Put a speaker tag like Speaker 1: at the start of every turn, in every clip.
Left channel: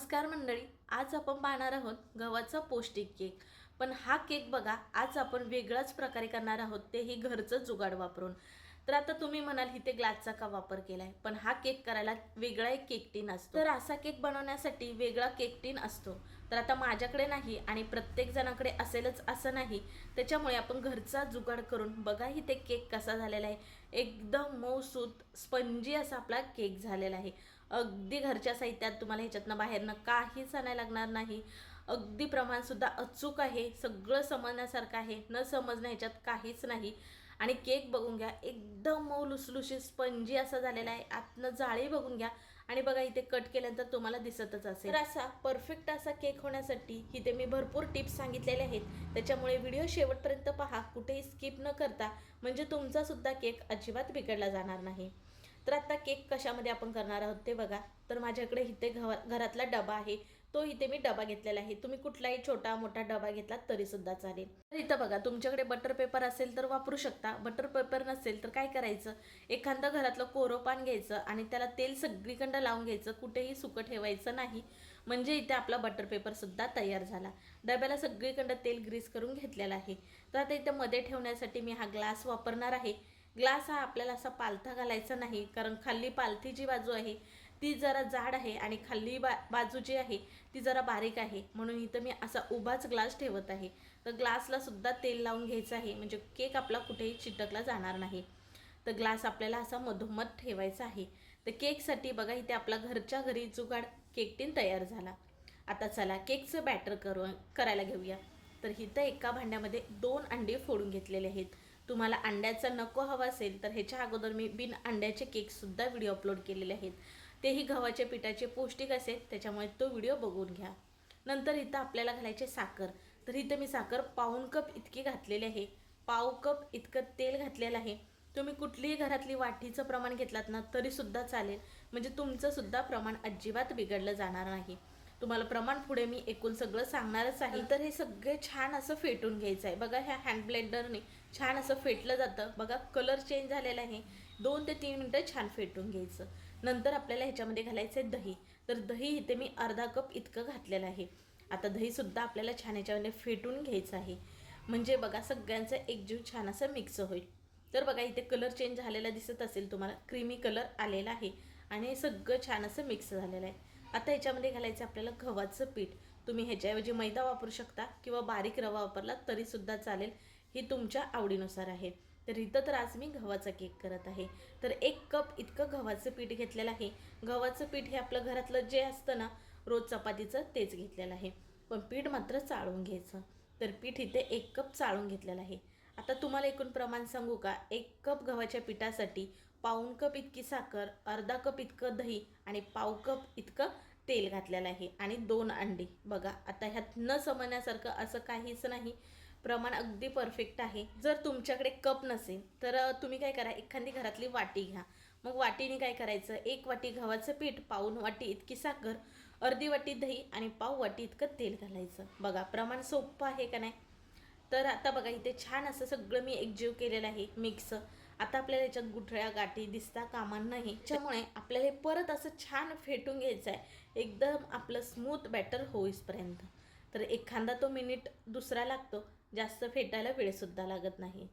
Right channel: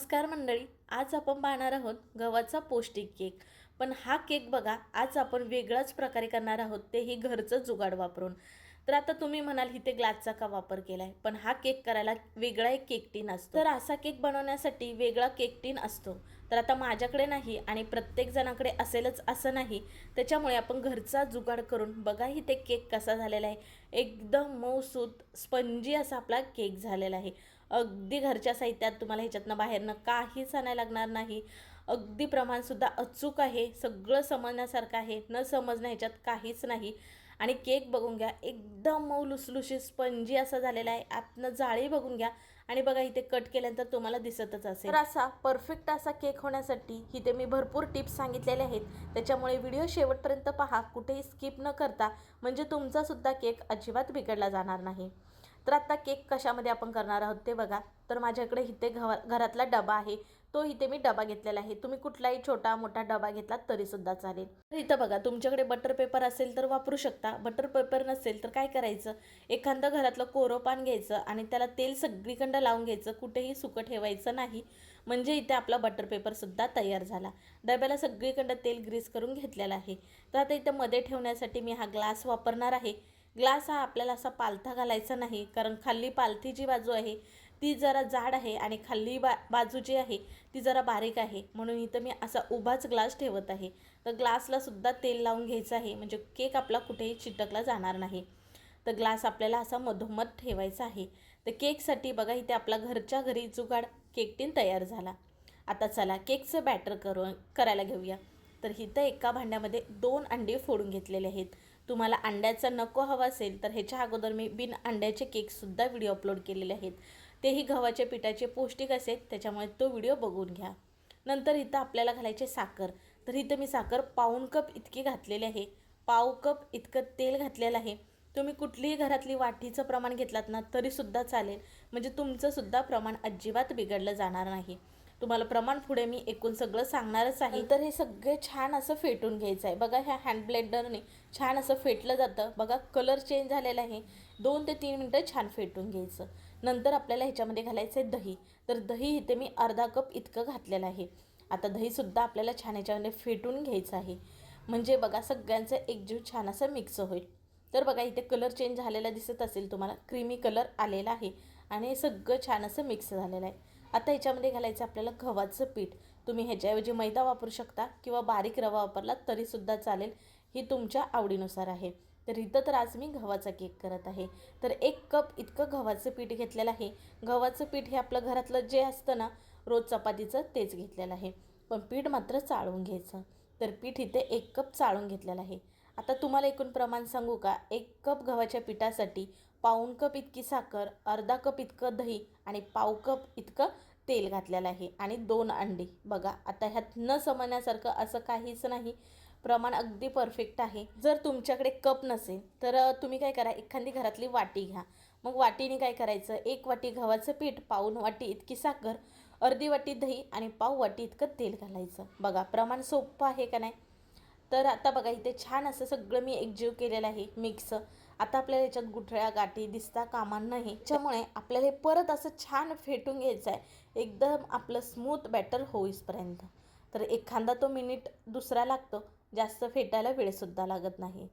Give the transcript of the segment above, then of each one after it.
Speaker 1: नमस्कार मंडळी आज आपण पाहणार आहोत गव्हाचा पौष्टिक केक. पण हा केक बघा आज आपण वेगळ्याच प्रकारे करणार आहोत तेही घरचं जुगाड वापरून. तर आता तुम्ही म्हणाल इथे ग्लासचा का वापर केला आहे पण हा केक करायला वेगळा एक केक टीन असतो. तर असा केक बनवण्यासाठी वेगळा केक टीन असतो. तर आता माझ्याकडे नाही आणि प्रत्येक जणाकडे असेलच असं नाही त्याच्यामुळे आपण घरचा जुगाड करून बघा इथे केक कसा झालेला आहे. एकदम मऊसूत स्पंजी असा आपला केक झालेला आहे. अगदी घरच्या साहित्यात तुम्हाला ह्याच्यातनं बाहेरनं काहीच आणायला लागणार नाही. अगदी प्रमाणसुद्धा अचूक आहे. सगळं समजण्यासारखं आहे. न समजणं ह्याच्यात काहीच नाही. आणि केक बघून घ्या. एकदम मऊ लुसलुशी स्पंजी असा झालेला आहे. आतनं जाळी बघून घ्या. आणि बघा इथे कट केल्यानंतर तुम्हाला दिसतच असेल. तर असा परफेक्ट असा केक होण्यासाठी इथे मी भरपूर टिप्स सांगितलेले आहेत. त्याच्यामुळे व्हिडिओ शेवटपर्यंत पहा. कुठेही स्किप न करता म्हणजे तुमचासुद्धा केक अजिबात बिघडला जाणार नाही. तर आत्ता केक कशामध्ये आपण करणार आहोत ते बघा. तर माझ्याकडे इथे घवा घरातला डबा आहे. तो इथे मी डबा घेतलेला आहे. तुम्ही कुठलाही छोटा मोठा डबा घेतला तरीसुद्धा चालेल. तर इथं बघा तुमच्याकडे बटर पेपर असेल तर वापरू शकता. बटर पेपर नसेल तर काय करायचं? एखादं घरातलं कोरं पान घ्यायचं आणि त्याला तेल सगळीकडं लावून घ्यायचं. कुठेही सुकं ठेवायचं नाही. म्हणजे इथे आपला बटर पेपरसुद्धा तयार झाला. डब्याला सगळीकडं तेल ग्रीस करून घेतलेलं आहे. तर आता इथं मध्ये ठेवण्यासाठी मी हा ग्लास वापरणार आहे. ग्लास हा आपल्याला असा पालथा घालायचा नाही कारण खाल्ली पालथी जी बाजू आहे ती जरा जाड आहे आणि खाल्ली बा बाजू जी आहे ती जरा बारीक आहे. म्हणून इथं मी असा उभाच ग्लास ठेवत आहे. तर ग्लासला सुद्धा तेल लावून घ्यायचं आहे म्हणजे केक आपला कुठेही चिटकला जाणार नाही. तर ग्लास आपल्याला असा मधोमध ठेवायचा आहे. तर केकसाठी बघा इथे आपला घरच्या घरी जुगाड केक टीन तयार झाला. आता चला केकचं बॅटर करू करायला घेऊया. तर इथं एका भांड्यामध्ये दोन अंडे फोडून घेतलेले आहेत. तुम्हाला अंड्याचा नको हवा असेल तर ह्याच्या अगोदर मी बिन अंड्याचे केकसुद्धा व्हिडिओ अपलोड केलेले आहेत. तेही गव्हाच्या पिठाचे पौष्टिक असेल त्याच्यामुळे तो व्हिडिओ बघून घ्या. नंतर इथं आपल्याला घालायचे साखर. तर इथं मी साखर पाऊण कप इतकी घातलेली आहे. पाव कप इतकं तेल घातलेलं आहे. तुम्ही कुठलीही घरातली वाटीचं प्रमाण घेतलात ना तरीसुद्धा चालेल. म्हणजे तुमचंसुद्धा प्रमाण अजिबात बिघडलं जाणार नाही. तुम्हाला प्रमाण पुढे मी एकूण सगळं सांगणारच आहे. तर हे सगळे छान असं फेटून घ्यायचं आहे. बघा ह्या हँड ब्लेंडरने छान असं फेटलं जातं. बघा कलर चेंज झालेला आहे. दोन ते तीन मिनटं छान फेटून घ्यायचं. नंतर आपल्याला ह्याच्यामध्ये घालायचं आहे दही. तर दही इथे मी अर्धा कप इतकं घातलेलं आहे. आता दहीसुद्धा आपल्याला छान ह्याच्यामध्ये फेटून घ्यायचं आहे. म्हणजे बघा सगळ्यांचं एकजीव छान असं मिक्स होईल. तर बघा इथे कलर चेंज झालेला दिसत असेल तुम्हाला. क्रीमी कलर आलेला आहे. आणि हे सगळं छान असं मिक्स झालेलं आहे. आता ह्याच्यामध्ये घालायचं आपल्याला गव्हाचं पीठ. तुम्ही ह्याच्याऐवजी मैदा वापरू शकता किंवा बारीक रवा वापरला तरीसुद्धा चालेल. ही तुमच्या आवडीनुसार आहे. तर इथं तर आज मी गव्हाचा केक करत आहे. तर एक कप इतकं गव्हाचं पीठ घेतलेलं आहे. गव्हाचं पीठ हे आपलं घरातलं जे असतं ना रोज चपातीचं तेच घेतलेलं आहे. पण पीठ मात्र चाळून घ्यायचं. तर पीठ इथे एक कप चाळून घेतलेलं आहे. आता तुम्हाला एकूण प्रमाण सांगू का? एक कप गव्हाच्या पिठासाठी पाऊण कप इतकी साखर अर्धा कप इतकं दही आणि पाव कप इतकं तेल घातलेलं आहे आणि दोन अंडी. बघा आता ह्यात न समजण्यासारखं असं काहीच नाही. प्रमाण अगदी परफेक्ट आहे. जर तुमच्याकडे कप नसेल तर तुम्ही काय करा एखादी घरातली वाटी घ्या. मग वाटीने काय करायचं? एक वाटी गव्हाचं पीठ पाऊन वाटी इतकी साखर अर्धी वाटी दही आणि पाव वाटी इतकं तेल घालायचं. बघा प्रमाण सोपं आहे का नाही? तर आता बघा इथे छान असं सगळं मी एकजीव केलेलं आहे मिक्स आता आपल्याला याच्यात गुठळ्या गाठी दिसता कामा नाही त्याच्यामुळे आपल्याला हे परत असं छान फेटून घ्यायचं आहे एकदम आपलं स्मूथ बॅटर होईसपर्यंत तर एखादा तो मिनिट दुसरा लागतो. जास्त फेटायला वेळसुद्धा लागत नाही.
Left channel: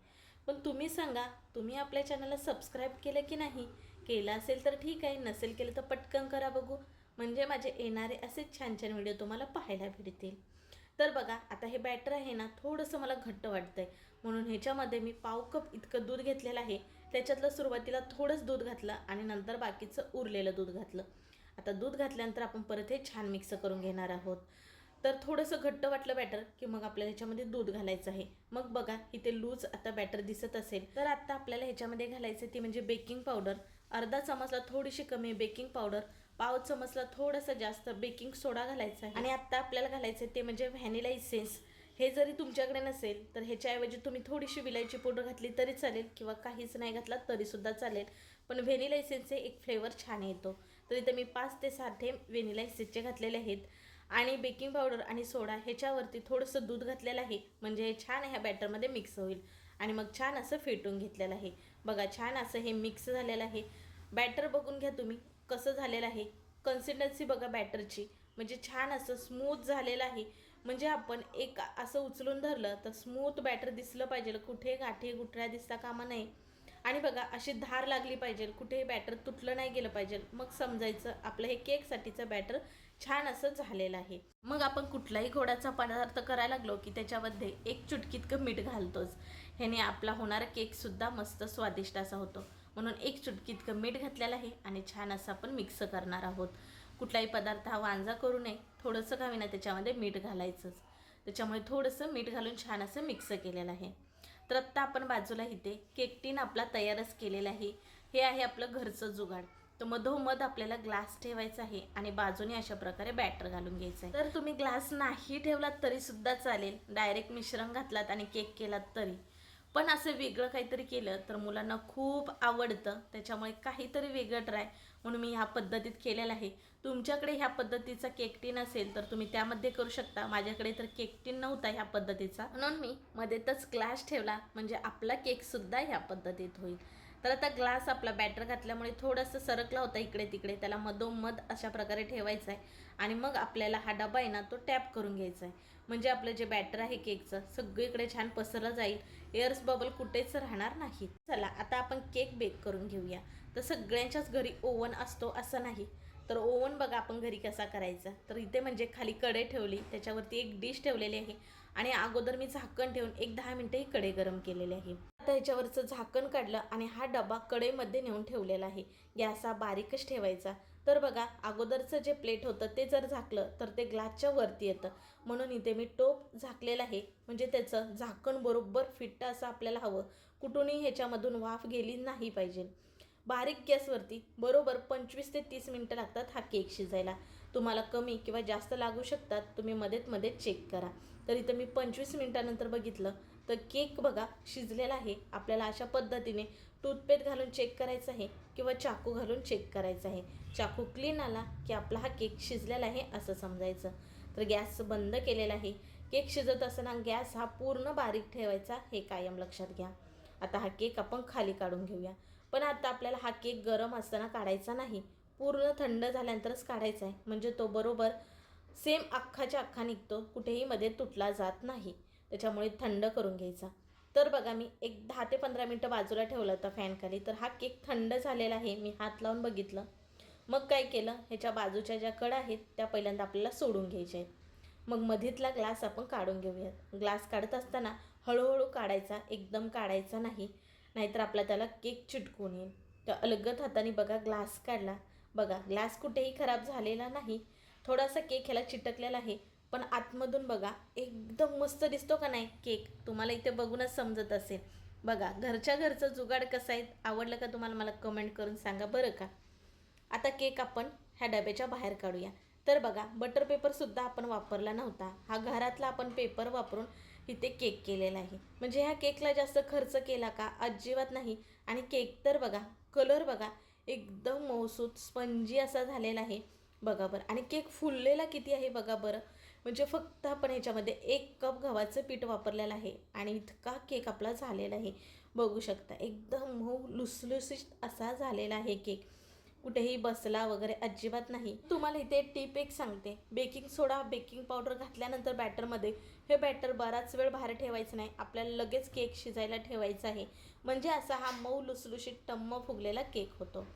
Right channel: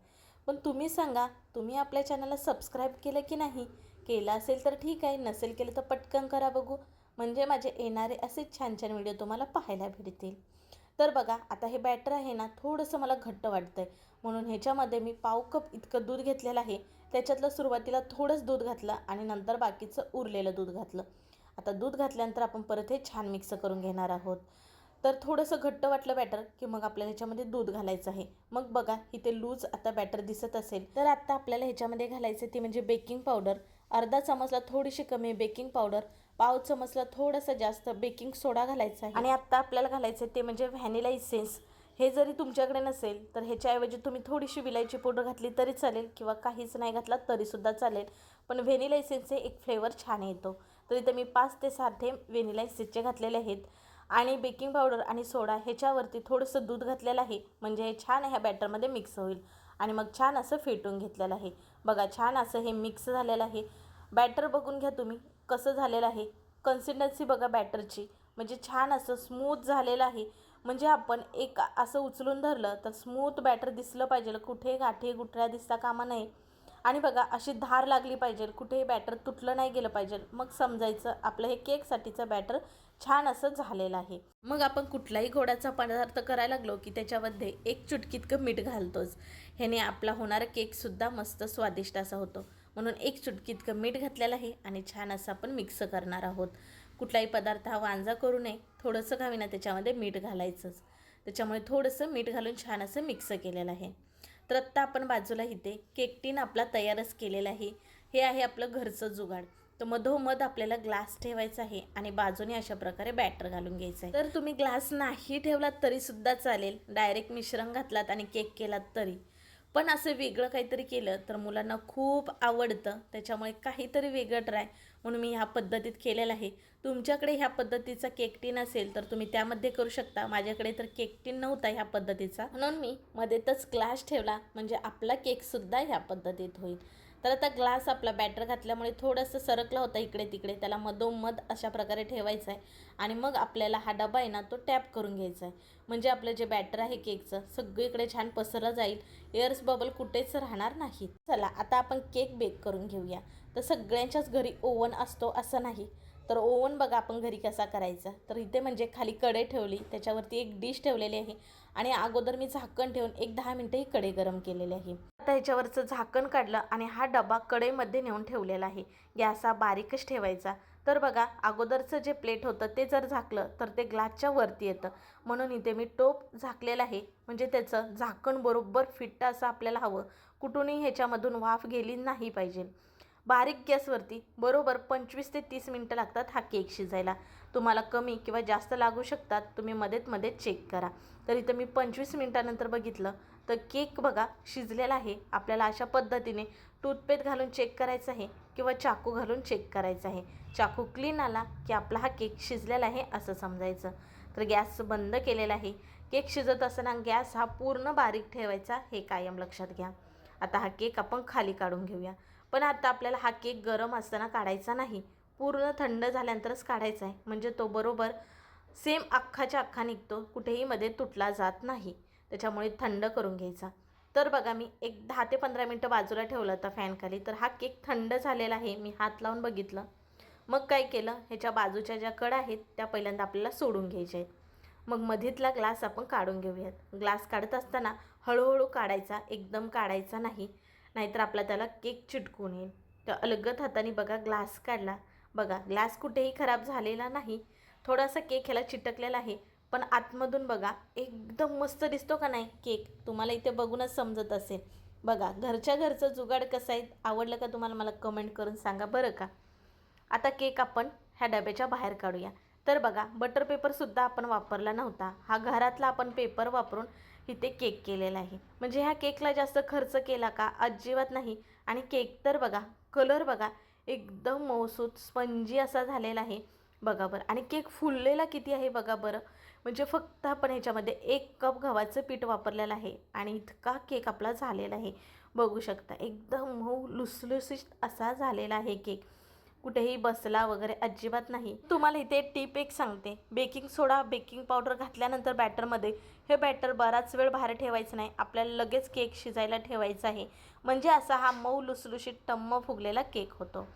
Speaker 1: पण तुम्ही सांगा तुम्ही आपल्या चॅनलला सबस्क्राईब केलं की नाही? केलं असेल तर ठीक आहे नसेल केलं तर पटकन करा बघू. म्हणजे माझे येणारे असेच छान छान व्हिडिओ तुम्हाला पाहायला भेटतील. तर बघा आता हे बॅटर आहे ना थोडंसं मला घट्ट वाटतं आहे म्हणून ह्याच्यामध्ये मी पाव कप इतकं दूध घेतलेलं आहे. त्याच्यातलं सुरुवातीला थोडंच दूध घातलं आणि नंतर बाकीचं उरलेलं दूध घातलं. आता दूध घातल्यानंतर आपण परत हे छान मिक्स करून घेणार आहोत. तर थोडंसं घट्ट वाटलं बॅटर की मग आपल्याला ह्याच्यामध्ये दूध घालायचं आहे. मग बघा इथे लूज आता बॅटर दिसत असेल. तर आता आपल्याला ह्याच्यामध्ये घालायचं ती म्हणजे बेकिंग पावडर अर्धा चमचला थोडीशी कमी बेकिंग पावडर पाव चमचला थोडंसं जास्त बेकिंग सोडा घालायचा आहे. आणि आत्ता आपल्याला घालायचं आहे ते म्हणजे व्हॅनिला इसेन्स हे जरी तुमच्याकडे नसेल तर ह्याच्याऐवजी तुम्ही थोडीशी विलायची पावडर घातली तरी चालेल किंवा काहीच नाही घातला तरीसुद्धा चालेल. पण व्हेनिला इसेन्सचे एक फ्लेवर छान येतो. तर इथं मी पाच ते सात थेंब व्हेनिला इसेन्सचे घातलेले आहेत. आणि बेकिंग पावडर आणि सोडा ह्याच्यावरती थोडंसं दूध घातलेलं आहे. म्हणजे हे छान ह्या बॅटरमध्ये मिक्स होईल. आणि मग छान असं फेटून घेतलेलं आहे. बघा छान असं हे मिक्स झालेलं आहे. बॅटर बघून घ्या तुम्ही कसं झालेलं आहे. कन्सिस्टन्सी बघा बॅटरची. म्हणजे छान असं स्मूथ झालेलं आहे. म्हणजे आपण एक असं उचलून धरलं तर स्मूथ बॅटर दिसलं पाहिजे. कुठे गाठी गुठळ्या दिसता कामा नाही आणि बघा अशी धार लागली पाहिजे. कुठेही बॅटर तुटलं नाही गेलं पाहिजे. मग समजायचं आपलं हे केकसाठीचं बॅटर छान असं झालेलं आहे. मग आपण कुठलाही गोडाचा पदार्थ करायला लागलो की त्याच्यामध्ये एक चुटकीतकं मीठ घालतोच. ह्याने आपला होणारा केकसुद्धा मस्त स्वादिष्ट असा होतो. म्हणून एक चुटकी इतकं मीठ घातलेलं आहे आणि छान असं आपण मिक्स करणार आहोत. कुठलाही पदार्थ हा वांजा करू नये. थोडंसं का होईना त्याच्यामध्ये मीठ घालायचंच. त्याच्यामुळे थोडंसं मीठ घालून छान असं मिक्स केलेलं आहे. तर आत्ता आपण बाजूला इथे केक टीन आपला तयारच केलेला आहे. हे आहे आपलं घरचं जुगाड. तर मधोमध आपल्याला ग्लास ठेवायचा आहे आणि बाजूने अशा प्रकारे बॅटर घालून घ्यायचं आहे. तर तुम्ही ग्लास नाही ठेवलात तरीसुद्धा चालेल. डायरेक्ट मिश्रण घातलात आणि केक केलात तरी. पण असं वेगळं काहीतरी केलं तर मुलांना खूप आवडतं. त्याच्यामुळे काहीतरी वेगळं ट्राय म्हणून मी ह्या पद्धतीत केलेलं आहे. तुमच्याकडे ह्या पद्धतीचा केकटीन असेल तर तुम्ही त्यामध्ये करू शकता. माझ्याकडे तर केकटीन नव्हता ह्या पद्धतीचा. म्हणून मी मध्येतच क्लास ठेवला. म्हणजे आपला केकसुद्धा ह्या पद्धतीत होईल. तर आता ग्लास आपला बॅटर घातल्यामुळे थोडंसं सरकला होता इकडे तिकडे. त्याला मधोमध अशा प्रकारे ठेवायचा आहे. आणि मग आपल्याला हा डबा आहे ना तो टॅप करून घ्यायचा आहे. म्हणजे आपलं जे बॅटर आहे केकचं सगळीकडे छान पसरलं जाईल. एअर्स बबल कुठेच राहणार नाही चला आता आपण केक बेक करून घेऊया. तर सगळ्यांच्याच घरी ओव्हन असतो असं नाही. तर ओव्हन बघा आपण घरी कसा करायचा. तर इथे म्हणजे खाली कडे ठेवली त्याच्यावरती एक डिश ठेवलेली आहे. आणि अगोदर मी झाकण ठेवून एक दहा मिनटं ही कडे गरम केलेले आहे. आता ह्याच्यावरचं झाकण काढलं आणि हा डबा कढईमध्ये नेऊन ठेवलेला आहे. गॅस हा बारीकच ठेवायचा. तर बघा अगोदरचं जे प्लेट होतं ते जर झाकलं तर ते ग्लासच्या वरती येतं. म्हणून इथे मी टोप झाकलेलं आहे. म्हणजे त्याचं झाकण बरोबर फिट्ट असं आपल्याला हवं. कुठूनही ह्याच्यामधून वाफ गेली नाही पाहिजे. बारीक गॅसवरती बरोबर पंचवीस ते तीस मिनटं लागतात हा केक शिजायला. तुम्हाला कमी किंवा जास्त लागू शकतात तुम्ही मध्येत मध्ये चेक करा. तर इथं मी पंचवीस मिनटानंतर बघितलं. तर केक बघा शिजलेला आहे. आपल्याला अशा पद्धतीने टूथपेस्ट घालून चेक करायचं आहे किंवा चाकू घालून चेक करायचं आहे. चाकू क्लीन आला की आपला हा केक शिजलेला आहे असं समजायचं. तर गॅस बंद केलेला आहे. केक शिजत असताना गॅस हा पूर्ण बारीक ठेवायचा हे कायम लक्षात घ्या. आता हा केक आपण खाली काढून घेऊया. पण आता आपल्याला हा केक गरम असताना काढायचा नाही. पूर्ण थंड झाल्यानंतरच काढायचा आहे. म्हणजे तो बरोबर सेम अख्खाच्या अख्खा निघतो. कुठेही मध्ये तुटला जात नाही. त्याच्यामुळे थंड करून घ्यायचा. तर बघा मी एक दहा ते पंधरा मिनटं बाजूला ठेवलं होतं फॅनखाली तर हा केक थंड झालेला आहे मी हात लावून बघितलं. मग काय केलं? ह्याच्या बाजूच्या ज्या कडा आहेत त्या पहिल्यांदा आपल्याला सोडून घ्यायच्या आहेत. मग मधीतला ग्लास आपण काढून घेऊयात. ग्लास काढत असताना हळूहळू काढायचा एकदम काढायचा नाही नाहीतर आपला त्याला केक चिटकून येईल. तर अलगत हाताने बघा ग्लास काढला. बघा ग्लास कुठेही खराब झालेला नाही. थोडासा केक ह्याला चिटकलेला आहे. पण आतमधून बघा एकदम मस्त दिसतो का नाही केक? तुम्हाला इथे बघूनच समजत असेल. बघा घरच्या घरचं जुगाड कसं आहे आवडलं का तुम्हाला मला कमेंट करून सांगा बरं का? आता केक आपण ह्या डब्याच्या बाहेर काढूया. तर बघा बटर पेपरसुद्धा आपण वापरला नव्हता. हा घरातला आपण पेपर वापरून इथे केक केलेला आहे. म्हणजे ह्या केकला जास्त खर्च केला का? अजिबात नाही. आणि केक तर बघा कलर बघा एकदम मौसूद स्पंजी असा झालेला आहे. बघा बरं. आणि केक फुललेला किती आहे बघा बरं. म्हणजे फक्त आपण ह्याच्यामध्ये एक कप गव्हाचं पीठ वापरलेलं आहे आणि इतका केक आपला झालेला आहे. बघू शकता एकदम हो, मऊ लुसलुसीत असा झालेला आहे केक. कुठेही बसला वगैरे अजिबात नाही. तुम्हाला इथे टीप एक सांगते. बेकिंग सोडा बेकिंग पावडर घातल्यानंतर बॅटरमध्ये. हे बॅटर बराच वेळ बाहेर ठेवायचं नाही. आपल्याला लगेच केक शिजायला ठेवायचा आहे. म्हणजे असा हा मऊ लुसलुशीत टम्म फुगलेला केक होतो.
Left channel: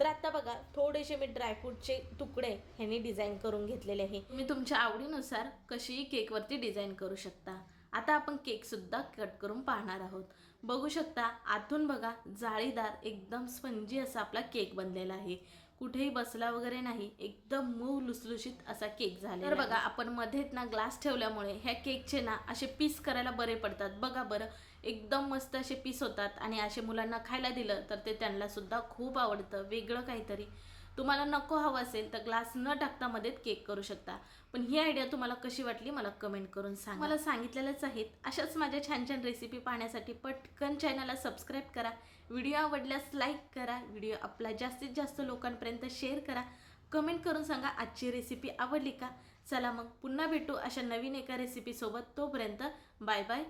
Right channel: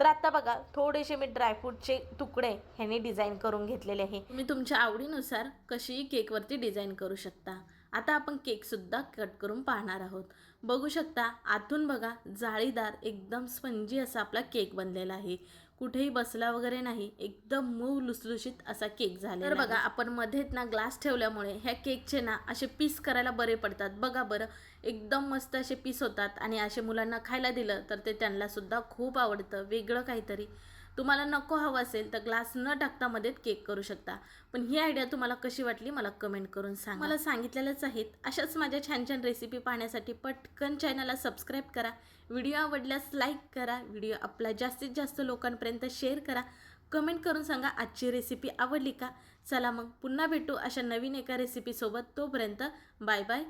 Speaker 1: तर आता बघा थोडेसे मी ड्रायफ्रूटचे तुकडे ह्यांनी डिझाईन करून घेतलेले आहे. तुम्ही तुमच्या आवडीनुसार कशीही केकवरती डिझाईन करू शकता. आता आपण केकसुद्धा कट करून पाहणार आहोत. बघू शकता आतून बघा जाळीदार एकदम स्पंजी असा आपला केक बनलेला आहे. कुठेही बसला वगैरे नाही एकदम मऊ लुसलुशीत असा केक झाला तर बघा आपण मध्येच ना ग्लास ठेवल्यामुळे ह्या केकचे ना असे पीस करायला बरे पडतात. बघा बरं एकदम मस्त असे पीस होतात आणि असे मुलांना खायला दिलं तर ते त्यांना सुद्धा खूप आवडतं. वेगळं काहीतरी. तुम्हाला नको हवं असेल तर ग्लास न टाकता मध्येच केक करू शकता. पण ही आयडिया तुम्हाला कशी वाटली मला कमेंट करून सांग. मला सांगितलेलंच आहेत. अशाच माझ्या छान छान रेसिपी पाहण्यासाठी पटकन चॅनलला सबस्क्राईब करा. व्हिडिओ आवडल्यास लाईक करा. व्हिडिओ आपला जास्तीत जास्त लोकांपर्यंत शेअर करा. कमेंट करून सांगा आजची रेसिपी आवडली का? चला मग पुन्हा भेटू अशा नवीन एका रेसिपीसोबत तोपर्यंत बाय बाय